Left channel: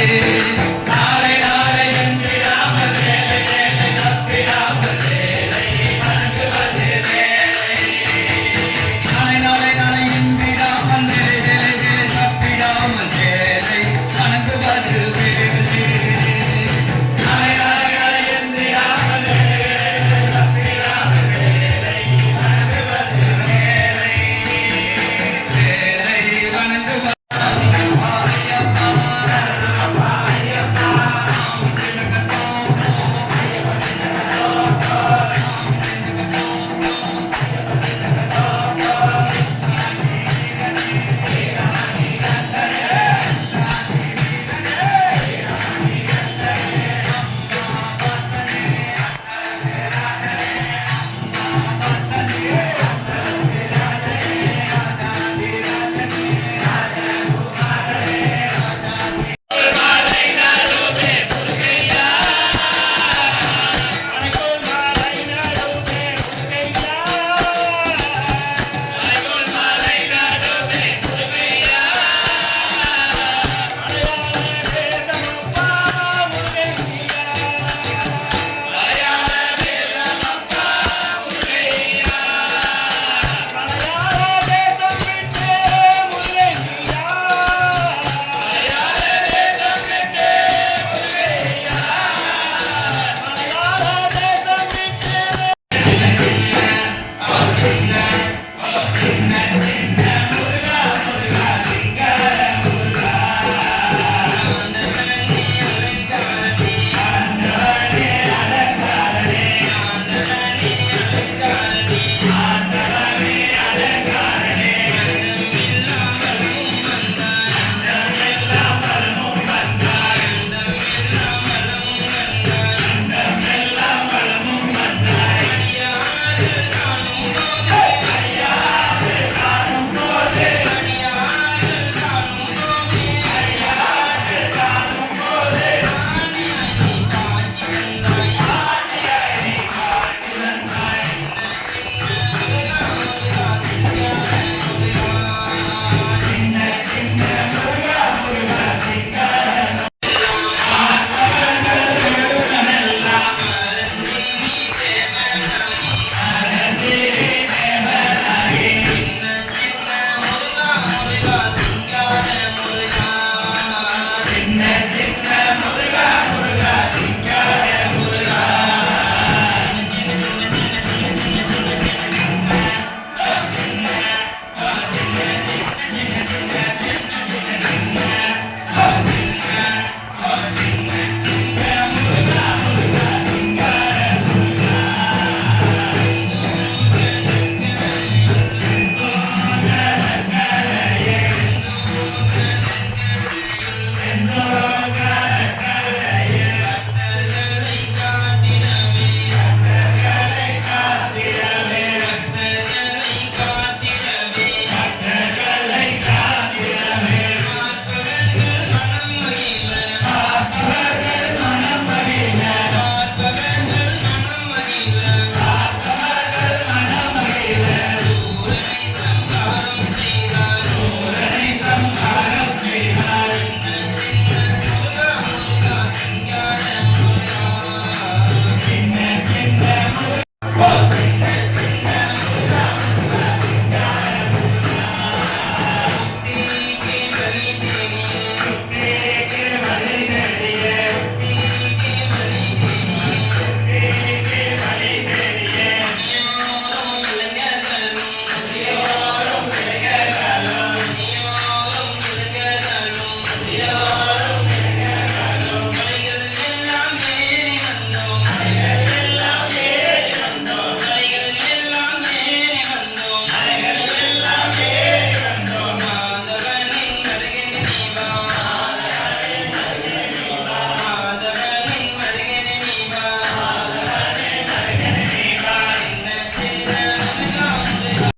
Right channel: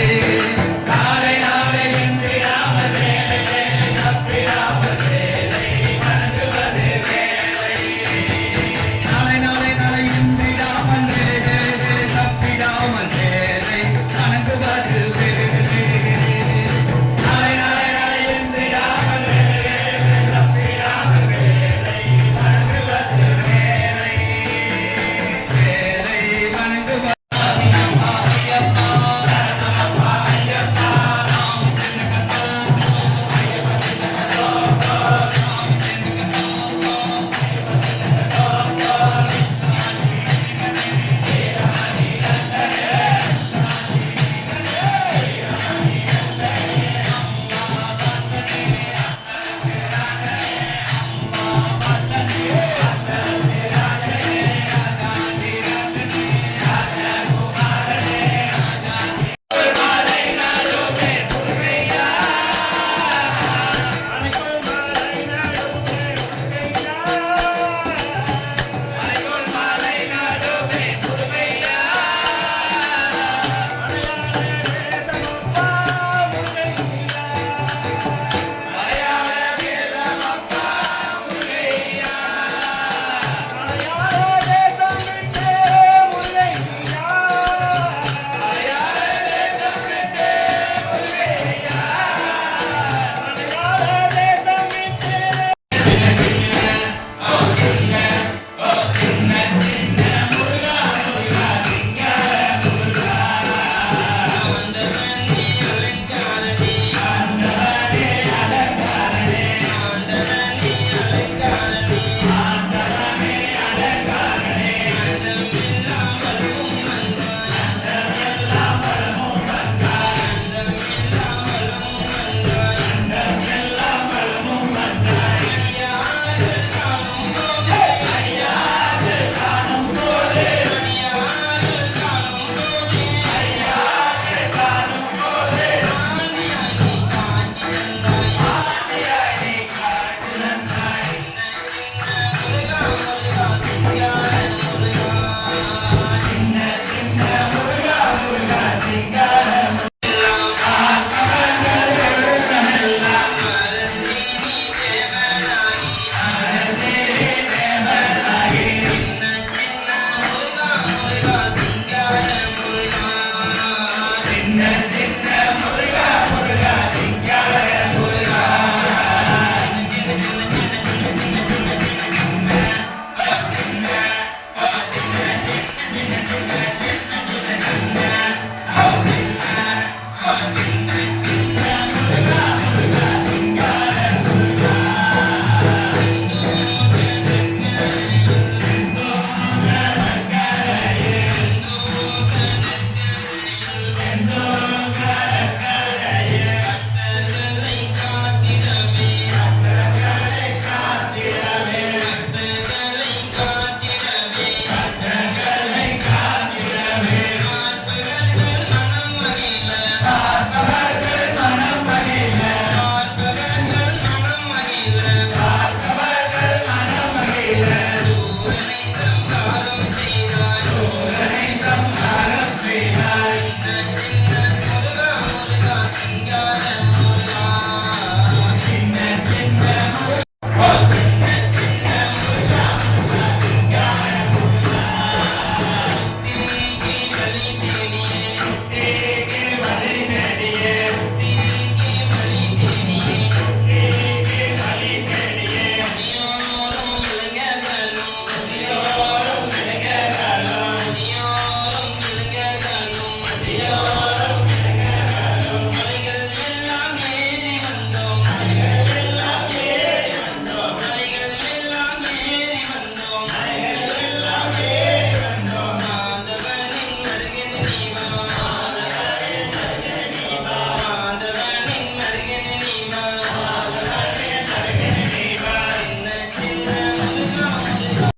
you.